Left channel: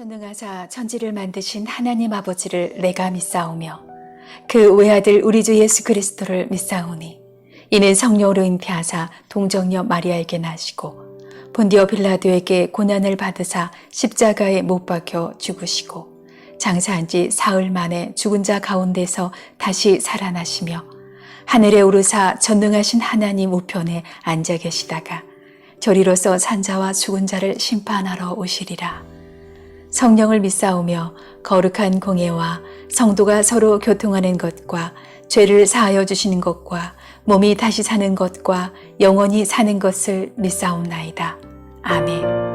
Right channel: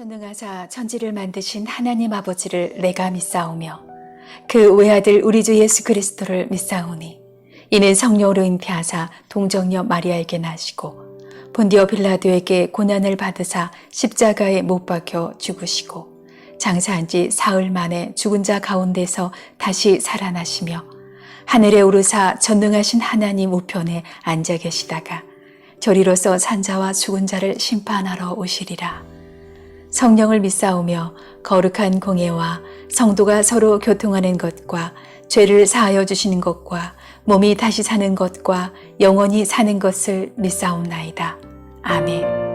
전능하사 천지를 만드신 하나님 아버지를 내가 믿사오며 그 외아들 우리 주 예수 그리스도를 믿사오니 이는 성령으로 잉태하사 동정녀 마리아에게 나시고 본디오 빌라도에게 고난을 받으사 십자가에 못 박혀 죽으시고 장사한 지 사흘 만에 죽은 자 가운데서 다시 살아나시며 하늘에 오르사 전능하신 하나님 우편에 앉아 계시다가 저리로서 산자와 죽은 자를 심판하러 오시리라. 성령을 믿사오며 거룩한 공예와 성도가 서로 교통하는 것과 죄를 사하여 주시는 것과 몸이 다시 사는 것과 영원히 사는 것을 믿사옵나이다. 아멘.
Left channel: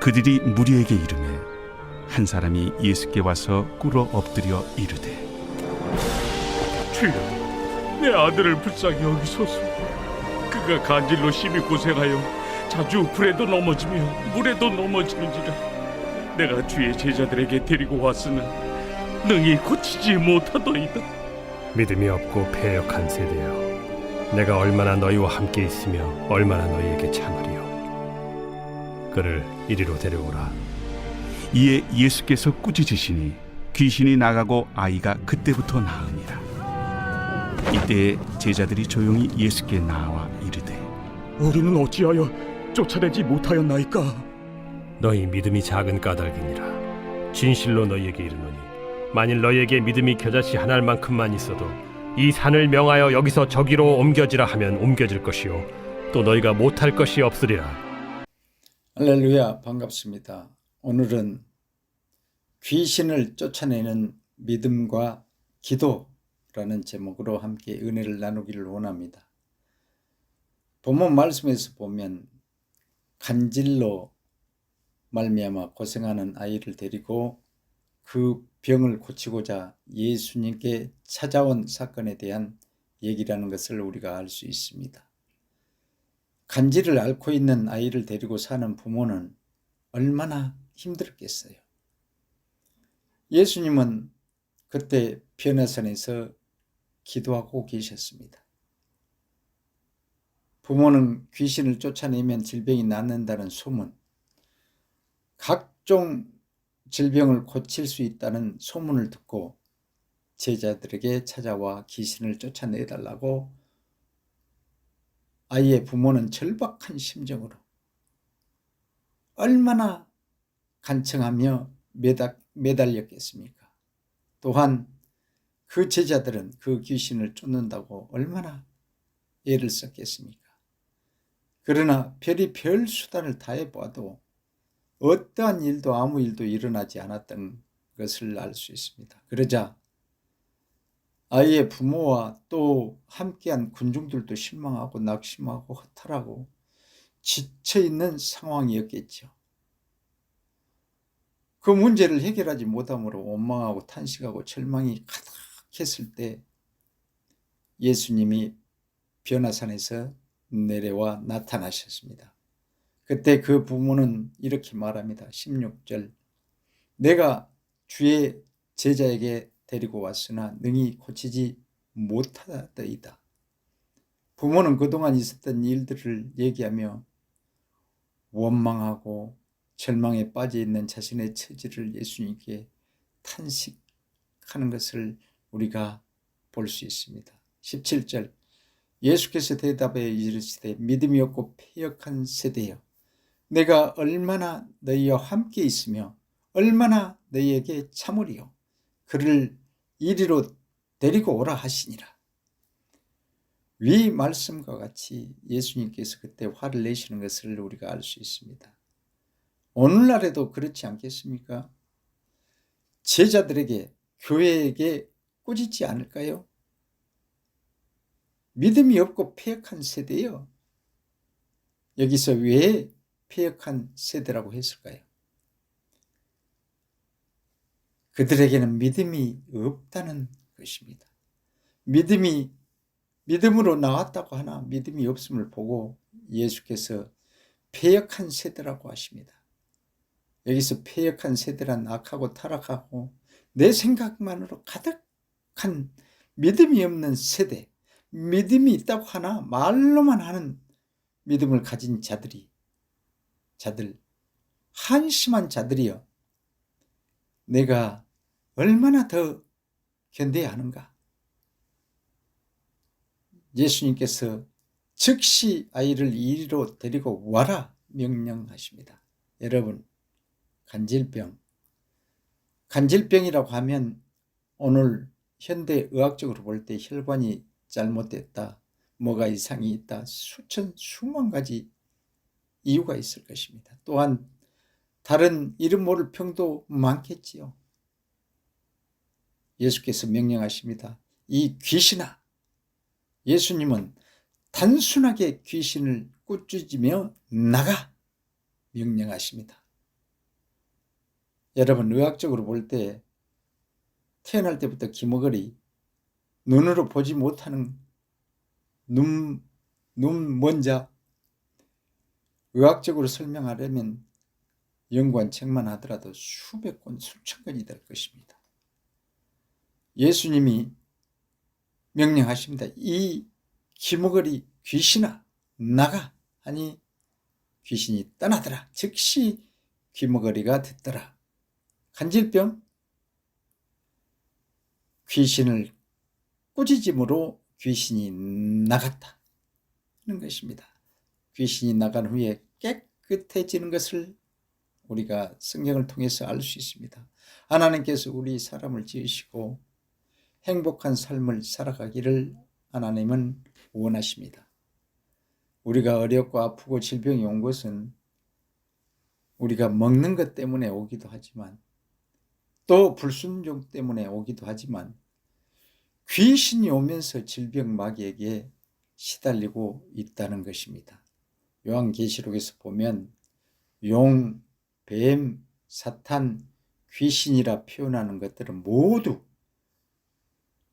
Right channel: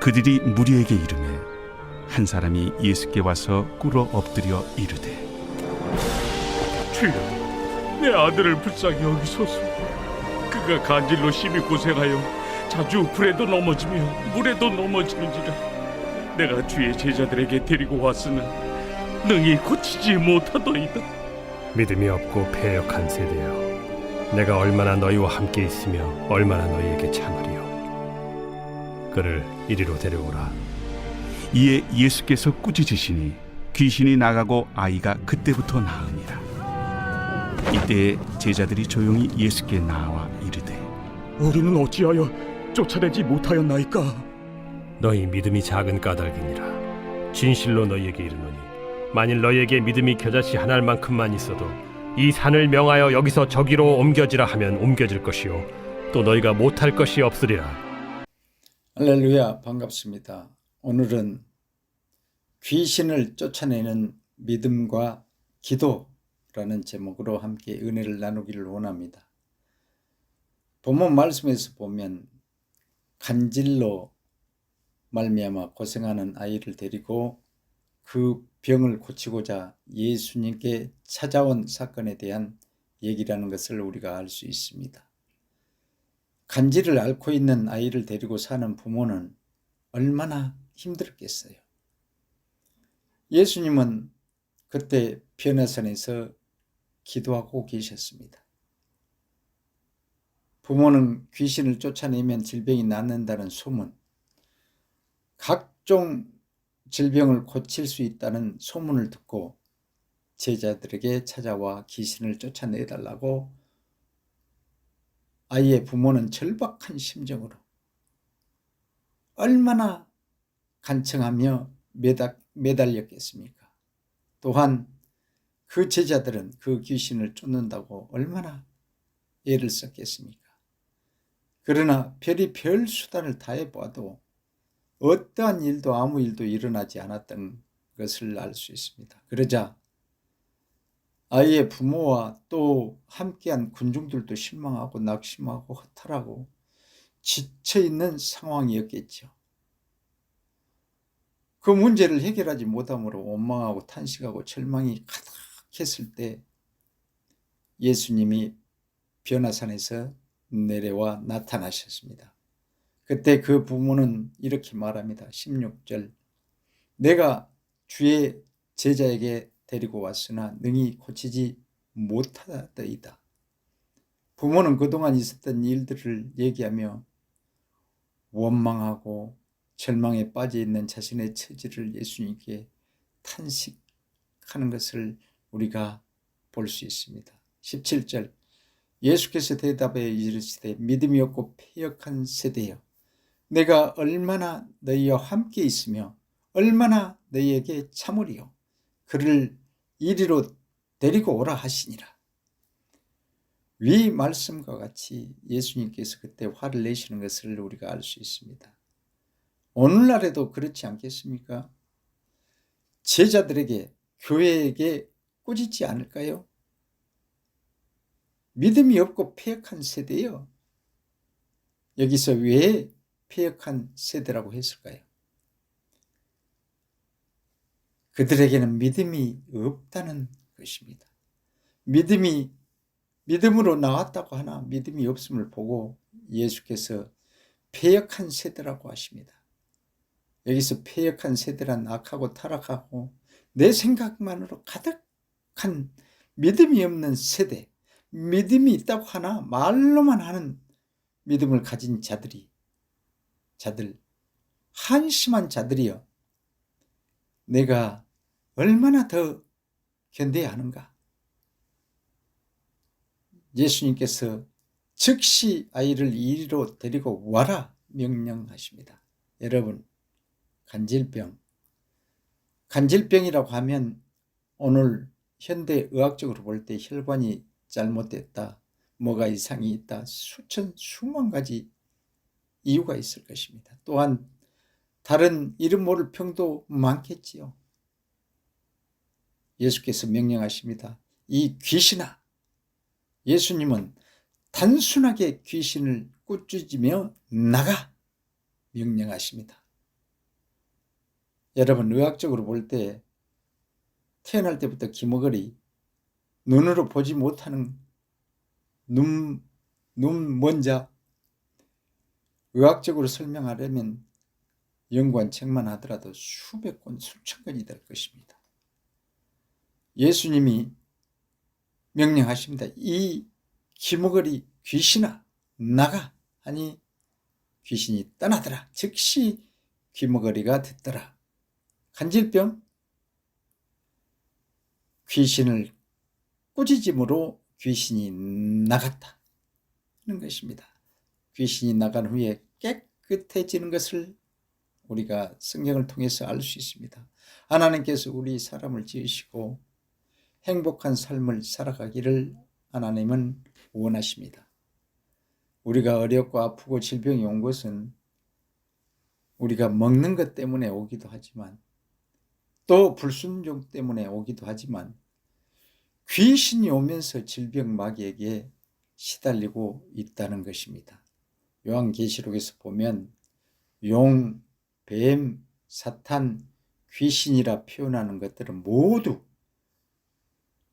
그들이 무리에게 이르매 한 사람이 예수께 와서 꿇어 엎드려 이르되 주여, 내 아들을 불쌍히 여기소서. 그가 간질로 심히 고생하여 자주 불에도 넘어지며 물에도 넘어지는지라. 내가 주의 제자들에게 데리고 왔으나 능히 고치지 못하더이다. 믿음이 없고 패역한 세대여, 내가 얼마나 너희와 함께 있으며 얼마나 너희에게 참으리요. 그를 이리로 데려오라. 이에 예수께서 꾸짖으시니 귀신이 나가고 아이가 그때부터 나으니라. 이때에 제자들이 조용히 예수께 나와 이르되 우리는 어찌하여 쫓아내지 못하였나이까? 너희 믿음이 작은 까닭이니라. 진실로 너희에게 이르노니 만일 너희에게 믿음이 겨자씨 한 알만큼만 있어도 이 산을 명하여 여기서 저기로 옮겨지라 하면 옮겨질 것이요 또 너희가 못할 것이 없으리라. 할렐루야, 반갑습니다. 오늘은 귀신을 쫓아내는 믿음과 기도라는 제목으로 함께 은혜를 나누기를 원합니다. 본문 말씀에서 보면 간질로 말미암아 고생하는 아이를 데리고 그 병을 고치고자 예수님께 찾아온 사건에 대한 얘기라는 것을 우리가 알 수 있습니다. 간질을 앓고 있는 아이를 데리고 사는 부모는 얼마나 힘들었겠어요. 예수님은 그때 변화산에서 기도하고 계셨습니다. 부모는 귀신을 쫓아내면 질병이 낫는다는 소문, 각종 질병을 고칠 수 있다는 소문을 듣고 제자들에게 찾아와 귀신을 쫓아내달라고 아이의 부모는 절박한 심정으로 얼마나 간청하며 매달렸겠습니까? 또한 그 제자들은 그 귀신을 쫓는다고 얼마나 애를 썼겠습니까? 그러나 별의별 수단을 다해보아도 어떠한 일도 아무 일도 일어나지 않았던 것을 알 수 있습니다. 그러자 아이의 부모와 또 함께한 군중들도 실망하고 낙심하고 허탈하고 지쳐있는 상황이었겠죠. 그 문제를 해결하지 못함으로 원망하고 탄식하고 절망이 가득했을 때 예수님이 변화산에서 내려와 나타나셨습니다. 그때 그 부모는 이렇게 말합니다. 16절, 내가 주의 제자에게 데리고 왔으나 능히 고치지 못하더이다. 부모는 그동안 있었던 일들을 얘기하며 원망하고 절망에 빠져있는 자신의 처지를 예수님께 탄식하는 것을 우리가 볼 수 있습니다. 17절, 예수께서 대답하여 이르시되 믿음이 없고 패역한 세대여, 내가 얼마나 너희와 함께 있으며 얼마나 너희에게 참으리요. 그를 이리로 데리고 오라 하시니라. 위 말씀과 같이 예수님께서 그때 화를 내시는 것을 우리가 알 수 있습니다. 오늘날에도 그렇지 않겠습니까? 제자들에게, 교회에게 꾸짖지 않을까요? 믿음이 없고 패역한 세대요. 여기서 왜 패역한 세대라고 했을까요? 그들에게는 믿음이 없다는 것입니다. 믿음으로 나왔다고 하나 믿음이 없음을 보고 예수께서 패역한 세대라고 하십니다. 여기서 패역한 세대란 악하고 타락하고 내 생각만으로 가득한 믿음이 없는 세대, 믿음이 있다고 하나 말로만 하는 믿음을 가진 자들, 한심한 자들이여, 내가 얼마나 더 견뎌야 하는가? 예수님께서 즉시 아이를 이리로 데리고 와라 명령하십니다. 여러분, 간질병이라고 하면 오늘 현대 의학적으로 볼 때 혈관이 잘못됐다, 뭐가 이상이 있다, 수만 가지 이유가 있을 것입니다. 또한 다른 이름 모를 병도 많겠지요. 예수께서 명령하십니다. 이 귀신아, 예수님은 단순하게 귀신을 꾸짖으며 나가 명령하십니다. 여러분, 의학적으로 볼 때 태어날 때부터 기머거리, 눈으로 보지 못하는 눈 먼자, 의학적으로 설명하려면 연구한 책만 하더라도 수백 권, 수천 권이 될 것입니다. 예수님이 명령하십니다. 이 기머거리 귀신아 나가 하니 귀신이 떠나더라. 즉시 귀머거리가 됐더라. 간질병, 귀신을 꾸짖음으로 귀신이 나갔다 하는 것입니다. 귀신이 나간 후에 깨끗해지는 것을 우리가 성경을 통해서 알 수 있습니다. 하나님께서 우리 사람을 지으시고 행복한 삶을 살아가기를 하나님은 원하십니다. 우리가 어렵고 아프고 질병이 온 것은 우리가 먹는 것 때문에 오기도 하지만 또 불순종 때문에 오기도 하지만 귀신이 오면서 질병 마귀에게 시달리고 있다는 것입니다. 요한계시록에서 보면 용, 뱀, 사탄, 귀신이라 표현하는 것들은 모두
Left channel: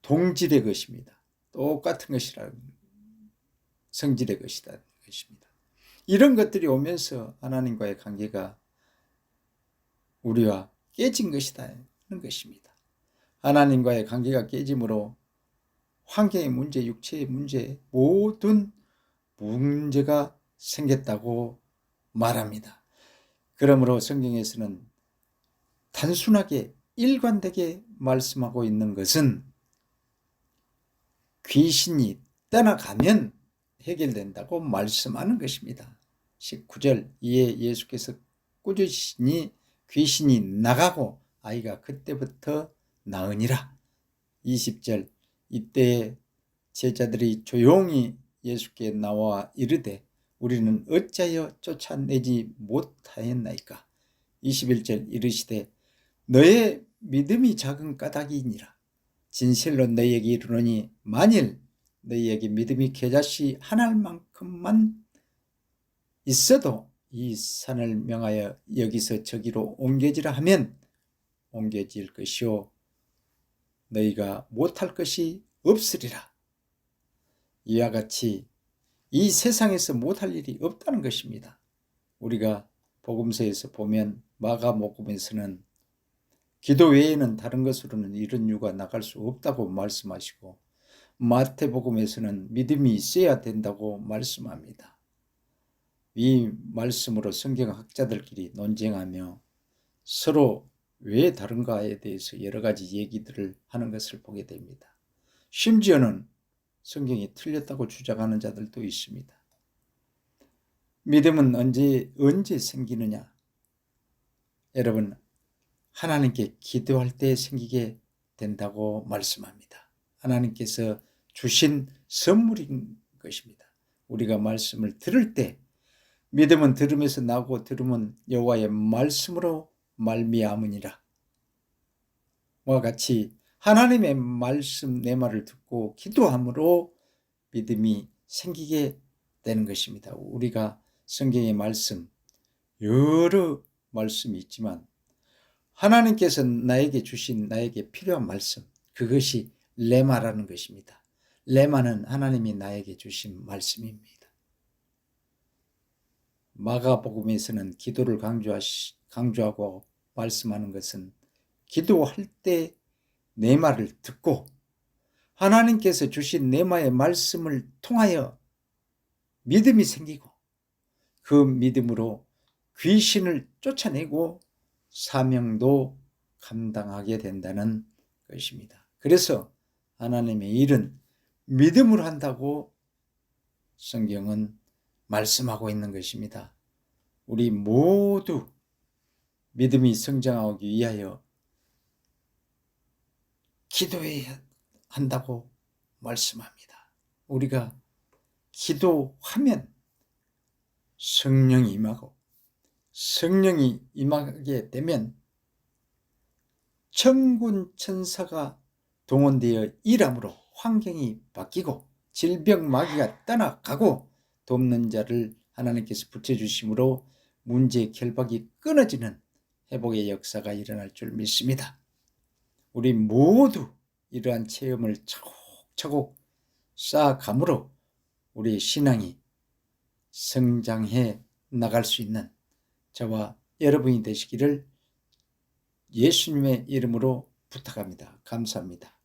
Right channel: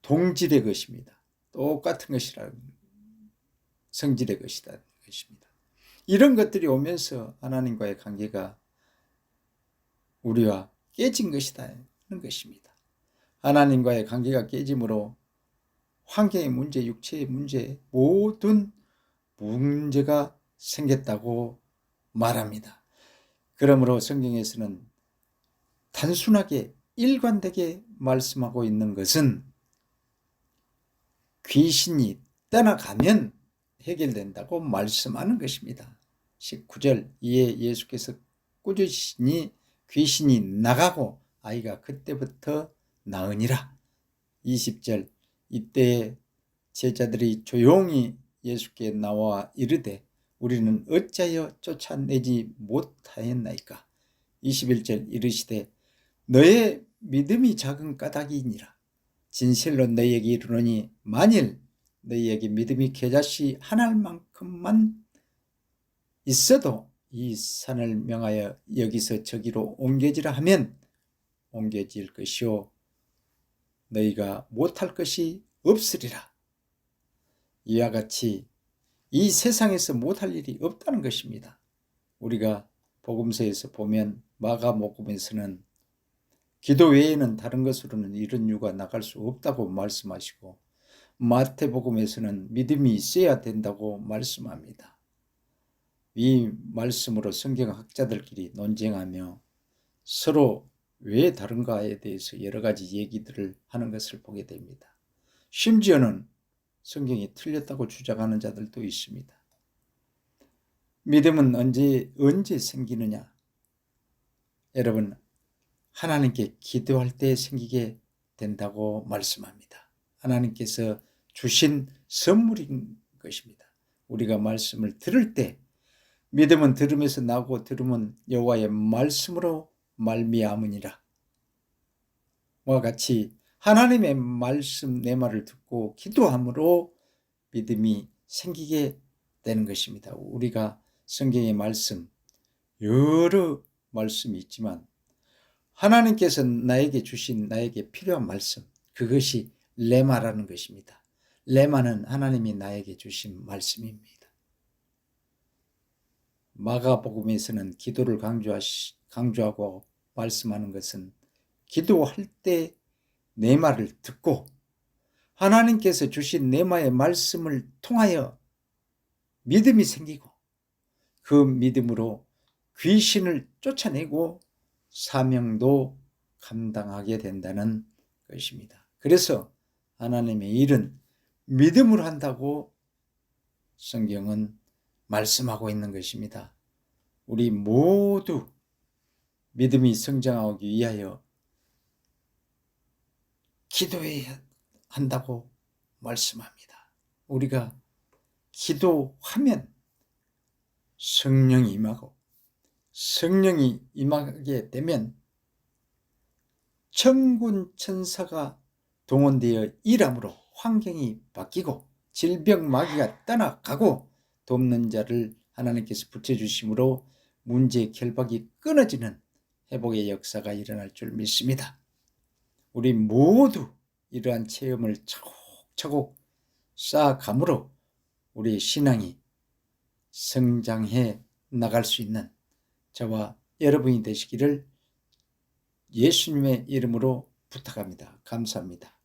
동질의 것입니다. 똑같은 것이라는 성질의 것이라는 것입니다. 이런 것들이 오면서 하나님과의 관계가 우리와 깨진 것이다 하는 것입니다. 하나님과의 관계가 깨짐으로 환경의 문제, 육체의 문제, 모든 문제가 생겼다고 말합니다. 그러므로 성경에서는 단순하게 일관되게 말씀하고 있는 것은 귀신이 떠나가면 해결된다고 말씀하는 것입니다. 19절 이에 예수께서 꾸짖으시니 귀신이 나가고 아이가 그때부터 나으니라. 20절 이때 제자들이 조용히 예수께 나와 이르되 우리는 어찌하여 쫓아내지 못하였나이까. 21절 이르시되 너의 믿음이 작은 까닭이니라. 진실로 너희에게 이르노니 만일 너희에게 믿음이 겨자씨 한 알만큼만 있어도 이 산을 명하여 여기서 저기로 옮겨지라 하면 옮겨질 것이요 너희가 못할 것이 없으리라. 이와 같이 이 세상에서 못할 일이 없다는 것입니다. 우리가 복음서에서 보면 마가복음에서는 기도 외에는 다른 것으로는 이런 유가 나갈 수 없다고 말씀하시고 마태복음에서는 믿음이 있어야 된다고 말씀합니다. 이 말씀으로 성경학자들끼리 논쟁하며 서로 왜 다른가에 대해서 여러 가지 얘기들을 하는 것을 보게 됩니다. 심지어는 성경이 틀렸다고 주장하는 자들도 있습니다. 믿음은 언제 생기느냐? 여러분, 하나님께 기도할 때 생기게 된다고 말씀합니다. 하나님께서 주신 선물인 것입니다. 우리가 말씀을 들을 때 믿음은 들음에서 나고 들음은 여호와의 말씀으로 말미암으니라. 와 같이 하나님의 말씀 내 말을 듣고 기도함으로 믿음이 생기게 되는 것입니다. 우리가 성경의 말씀 여러 말씀이 있지만 하나님께서 나에게 주신 나에게 필요한 말씀 그것이 레마라는 것입니다. 레마는 하나님이 나에게 주신 말씀입니다. 마가복음에서는 기도를 강조하고 말씀하는 것은 기도할 때 내 말을 듣고 하나님께서 주신 레마의 말씀을 통하여 믿음이 생기고 그 믿음으로 귀신을 쫓아내고 사명도 감당하게 된다는 것입니다. 그래서 하나님의 일은 믿음으로 한다고 성경은 말씀하고 있는 것입니다. 우리 모두 믿음이 성장하기 위하여 기도해야 한다고 말씀합니다. 우리가 기도하면 성령이 임하고 성령이 임하게 되면 천군 천사가 동원되어 일함으로 환경이 바뀌고 질병 마귀가 떠나가고 돕는 자를 하나님께서 붙여주심으로 문제 결박이 끊어지는 회복의 역사가 일어날 줄 믿습니다. 우리 모두 이러한 체험을 차곡차곡 쌓아감으로 우리의 신앙이 성장해 나갈 수 있는 저와 여러분이 되시기를 예수님의 이름으로 부탁합니다. 감사합니다.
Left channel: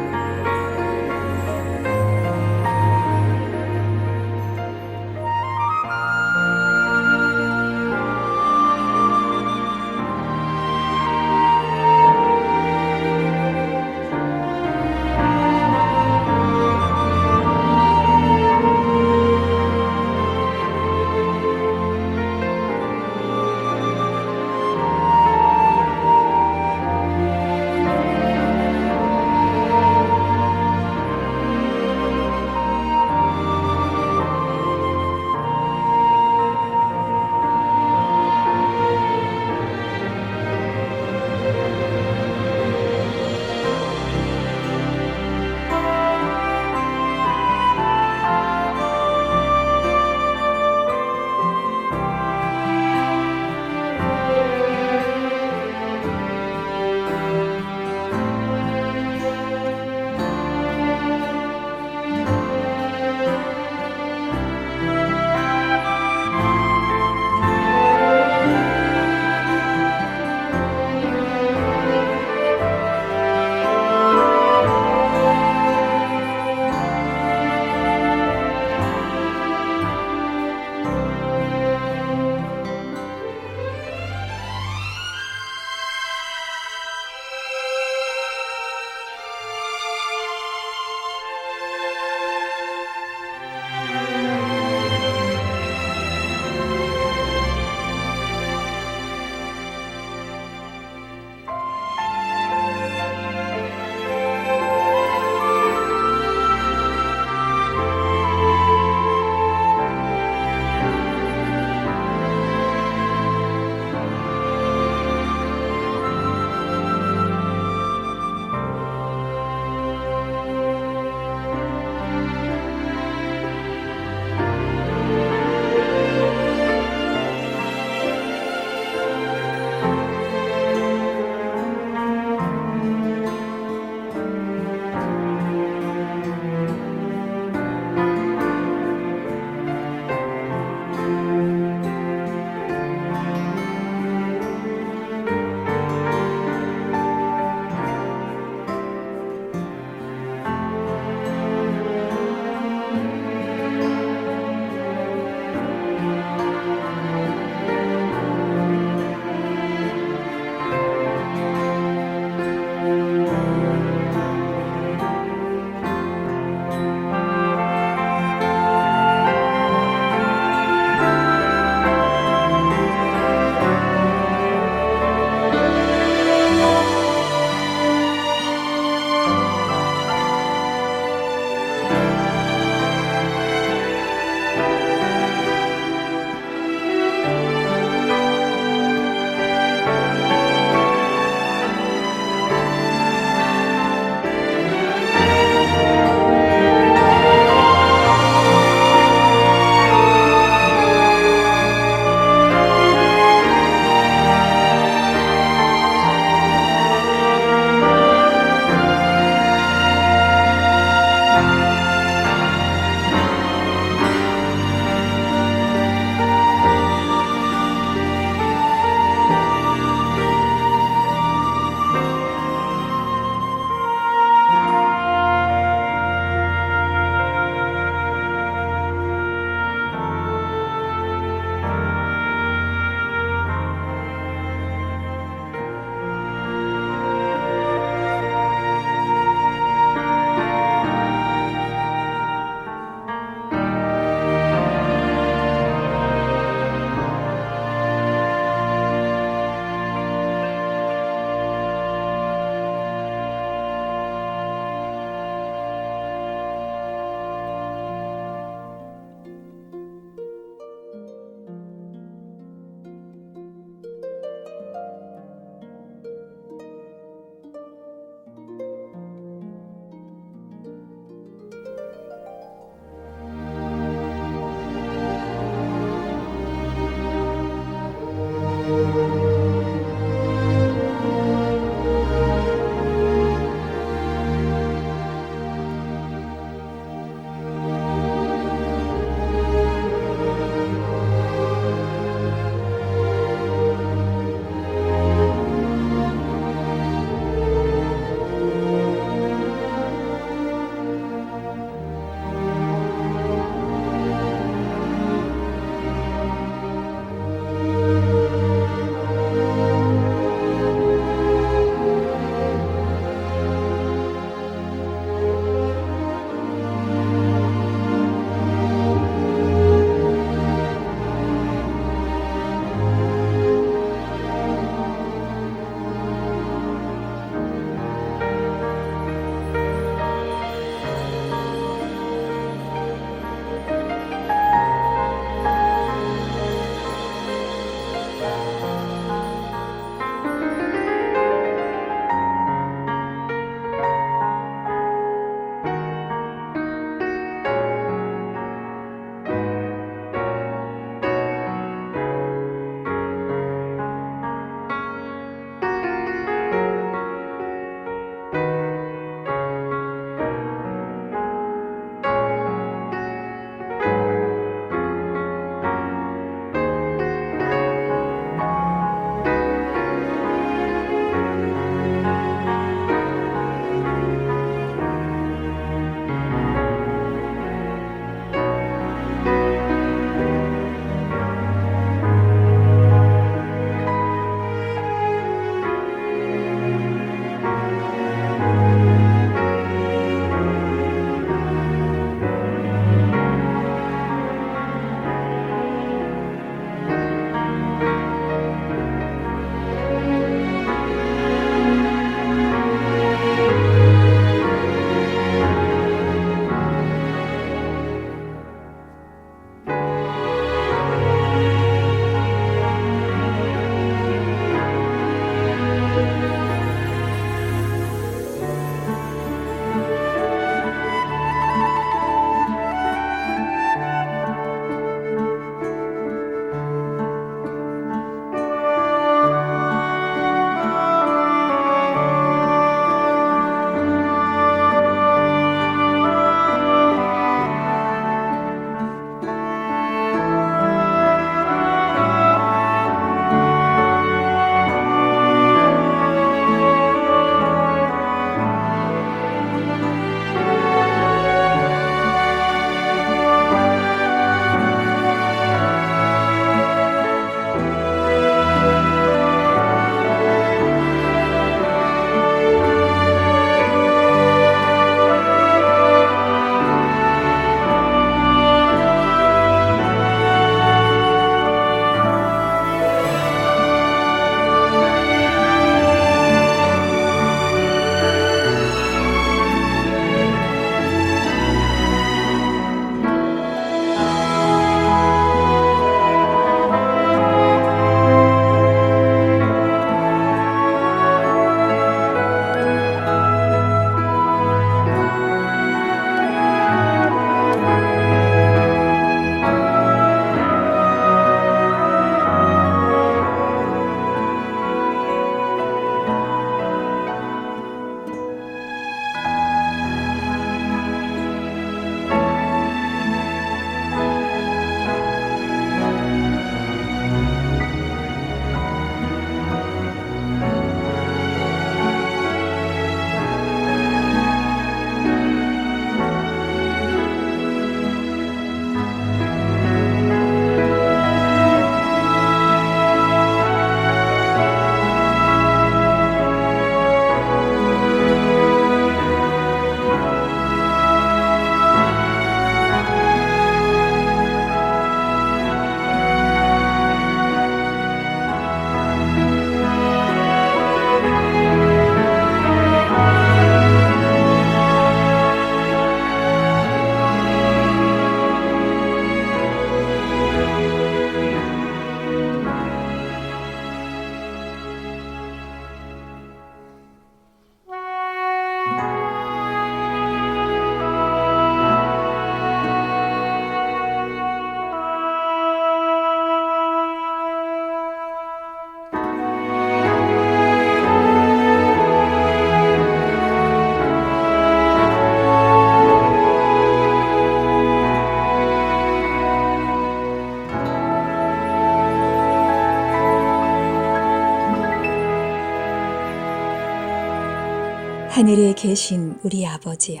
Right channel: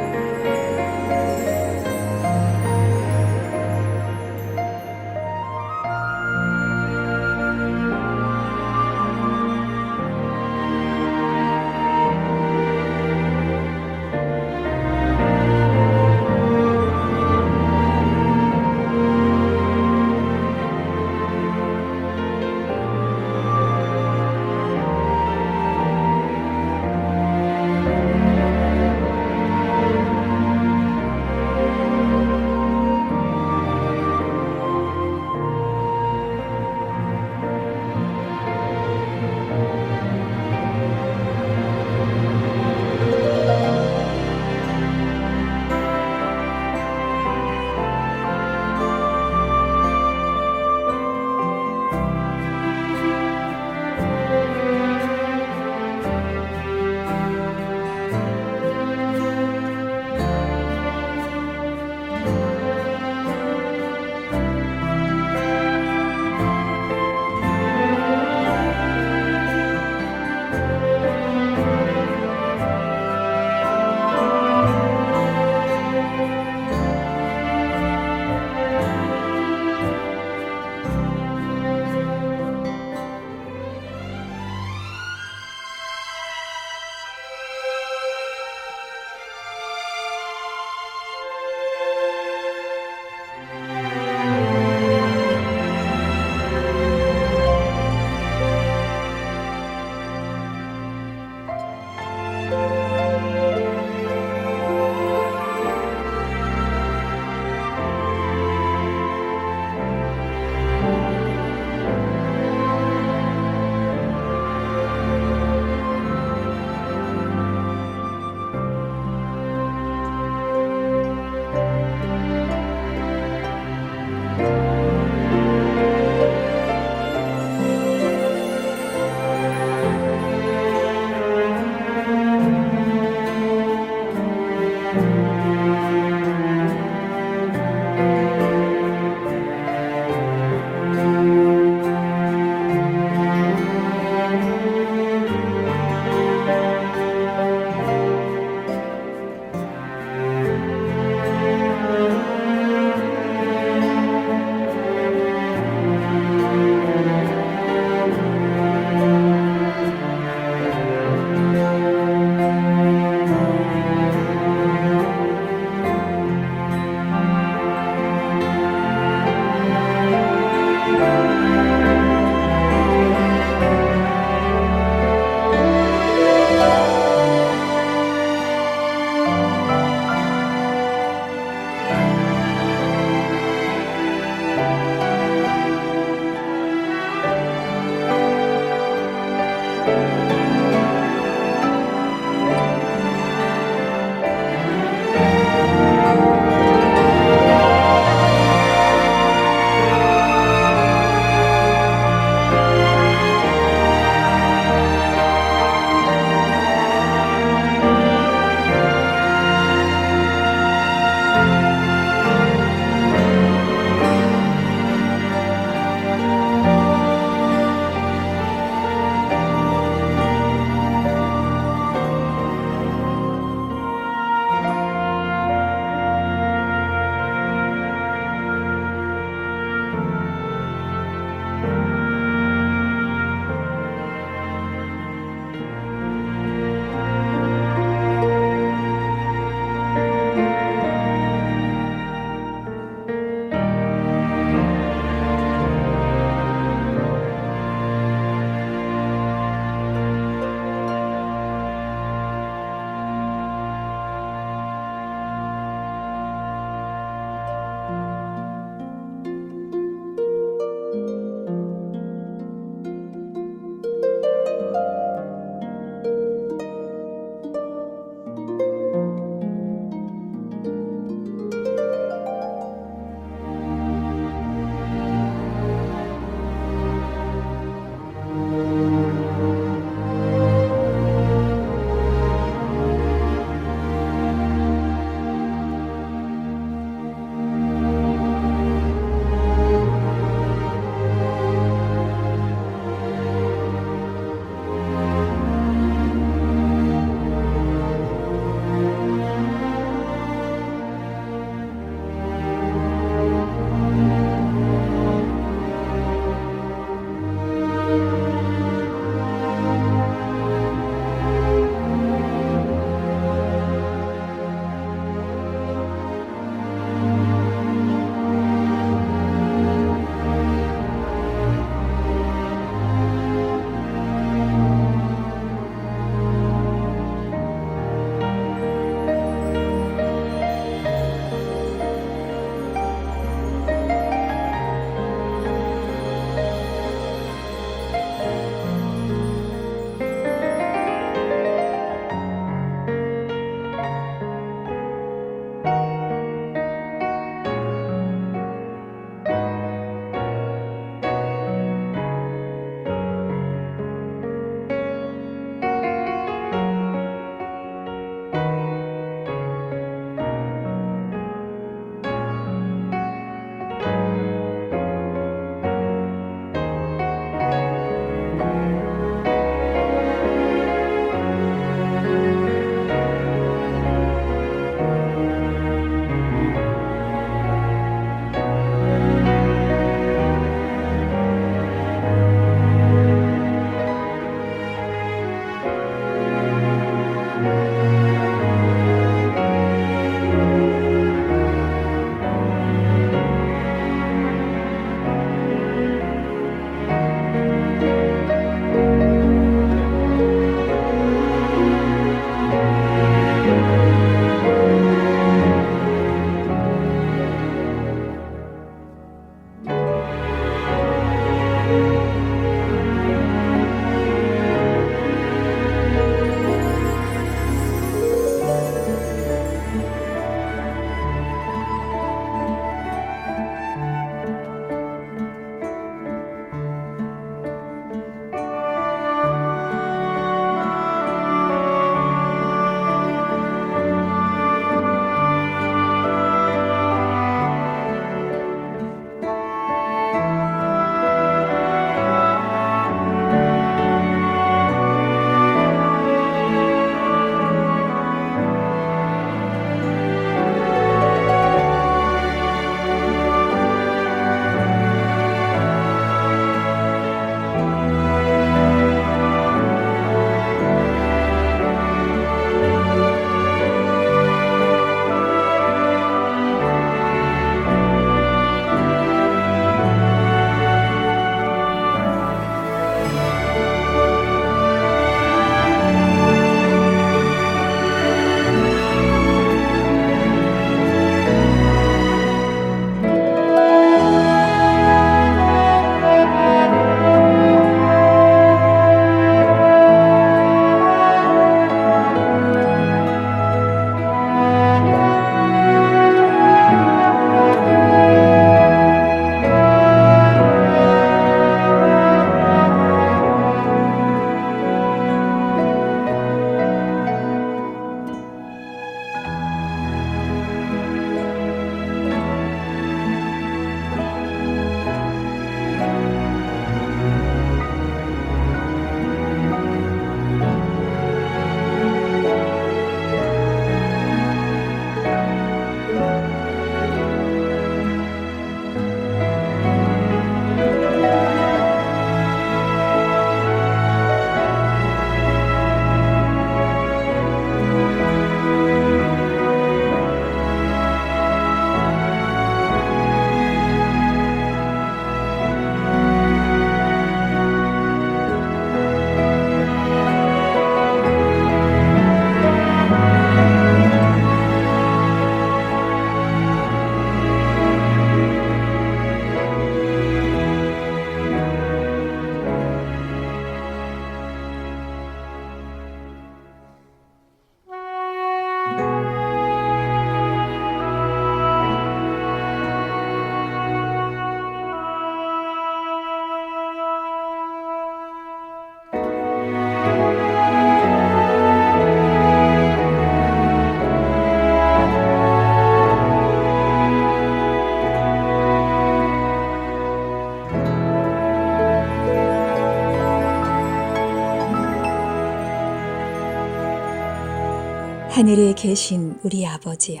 하늘에 계신 우리 아버지여,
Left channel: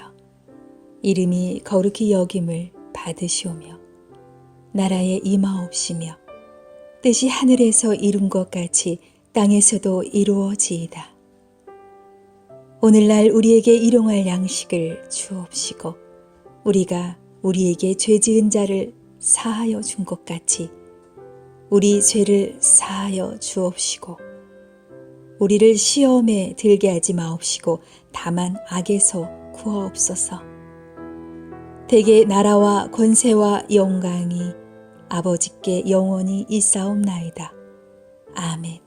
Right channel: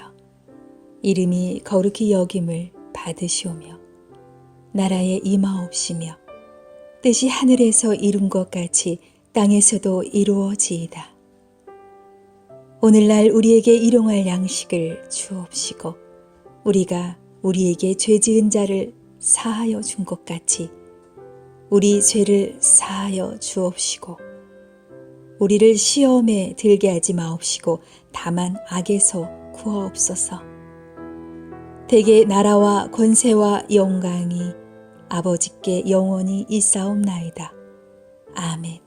이름이 거룩히 여김을 받으시오며 나라에 임하옵시며 뜻이 하늘에서 이룬 것 같이 땅에서도 이루어지이다. 오늘날 우리에게 일용할 양식을 주옵시고 우리가 우리에게 죄 지은 자를 사하여 준 것 같이 우리 죄를 사하여 주옵시고 우리를 시험에 들게 하지 마옵시고 다만 악에서 구하옵소서. 대개 나라와 권세와 영광이 아버지께 영원히 있사옵나이다. 아멘.